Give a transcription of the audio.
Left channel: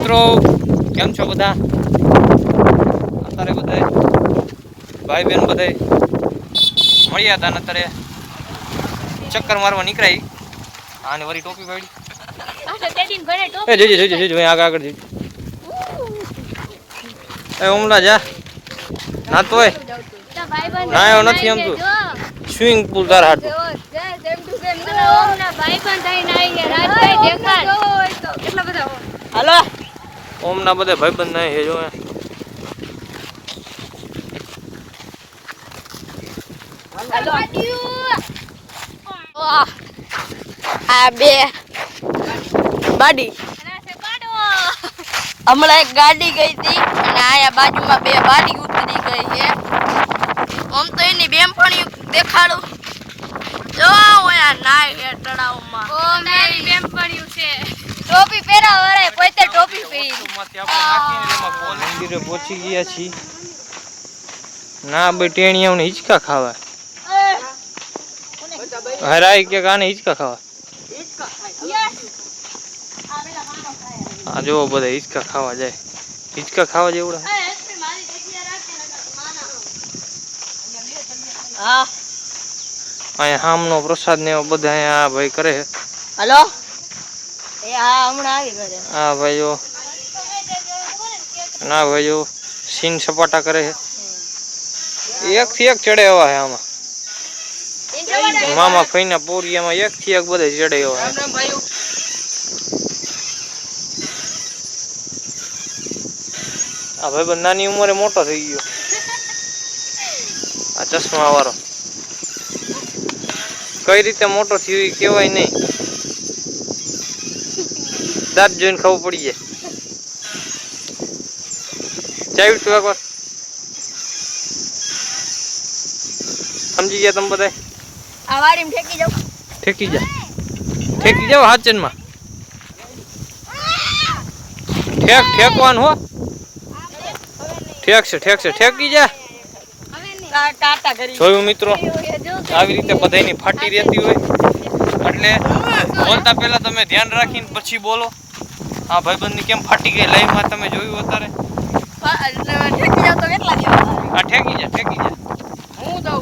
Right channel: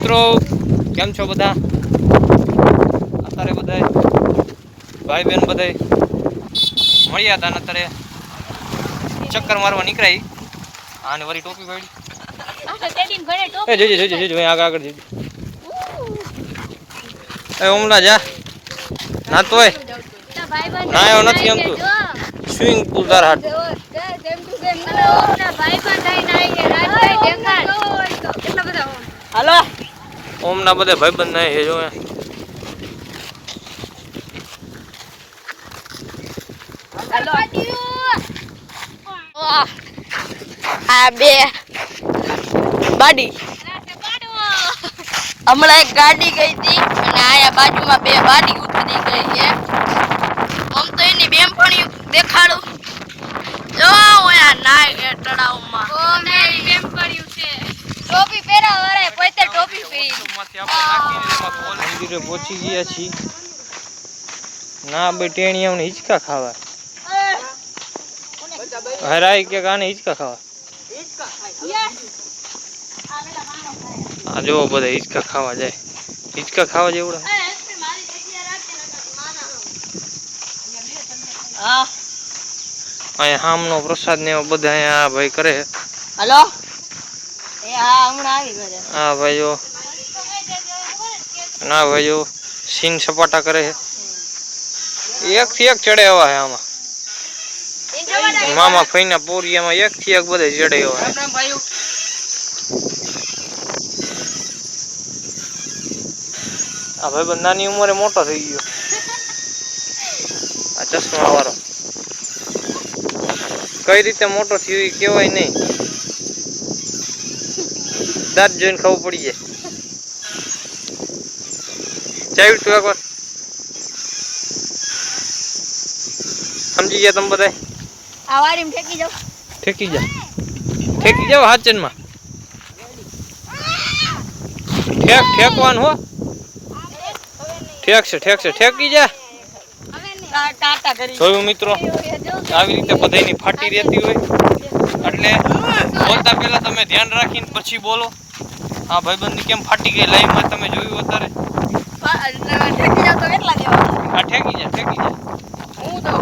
મિત્રો કેમ છો બધા? અત્યારે બધા ભાઈ બહેન બધા મળ્યા હતા ને અત્યારે ચક્કર મારવા નીકળાય આને વળી ટોપી પાડી આગળ ઓમલા જા ના તોય ના એવો નથી એમ તું સ્વિમિંગ પુલ તાર હાટ હાલો ઓમના બધા ભાઈબંધ નહીં છે જો આ બે બાડી હમણાં એક ગાડી ગઈ હતી અને આયા બાજુમાં બે બાડી ઉતરી ગઈ છે. આમ તો એની બેનપણી દેખાડું જો ઓયા નાય એ તળાવમાં ઓ મારી બેનપણી છે ટોપી પહેરાવરે પોતે ટોપી પહેરી માંથી આપણે નાખીને એમાં મંદિરે પહોંચી ગયા છીએ. ના ભાઈ ટેણીયાઓને હિંચકા ખાવા હરાઈ કે ગાને હિંચકા ખાવા આ જો બધા હિંચકા ખાવા જાય. હિંચકા ખાવા જેવડા હા અહીંયા હામનો પ્રસાદ ને બધા અહીંયા ભાઈ કરે. હાલો એ હા હમણાં આવી ગયો. હા ભાઈઓ ના ભાઈઓ સીન સપાટા કરે છે. એક થી એક ચડે એવા છે આમાં મામા ફઈના પોરિયામાં એક થી એક બધે ચડે એવા. આ ભાઈ નાની ઉંમરે મોટો થઈ ગયો. આ ચશ્મા વાળો કઈ રીતે મોટો થયો એ કહેવાય નહીં. દાંત જોઈને ખબર પડી જાય. ચાવ્યું તું એકવાર સમજી ગયા તમે બધા? આ વાડીમાં ઠેકી જાવ ઠેકી જાવ હાચનમાં ઠેકવાનું હો. ઠેકી જા. ટાટા કરી જોયું મિત્રો આવી રીતે બધાની ફાટી રહેતી હોય એટલે બોલતા પહેલા તમે ધ્યાન રાખીને પછી બોલો. આ ભાઈબંધની કેમ ફાટી ગઈ લાઈવમાં તમે જોયું અત્યારે. ઠેકી જાવ તો કેટલા દેવા? આ ઠેકી જા હું તો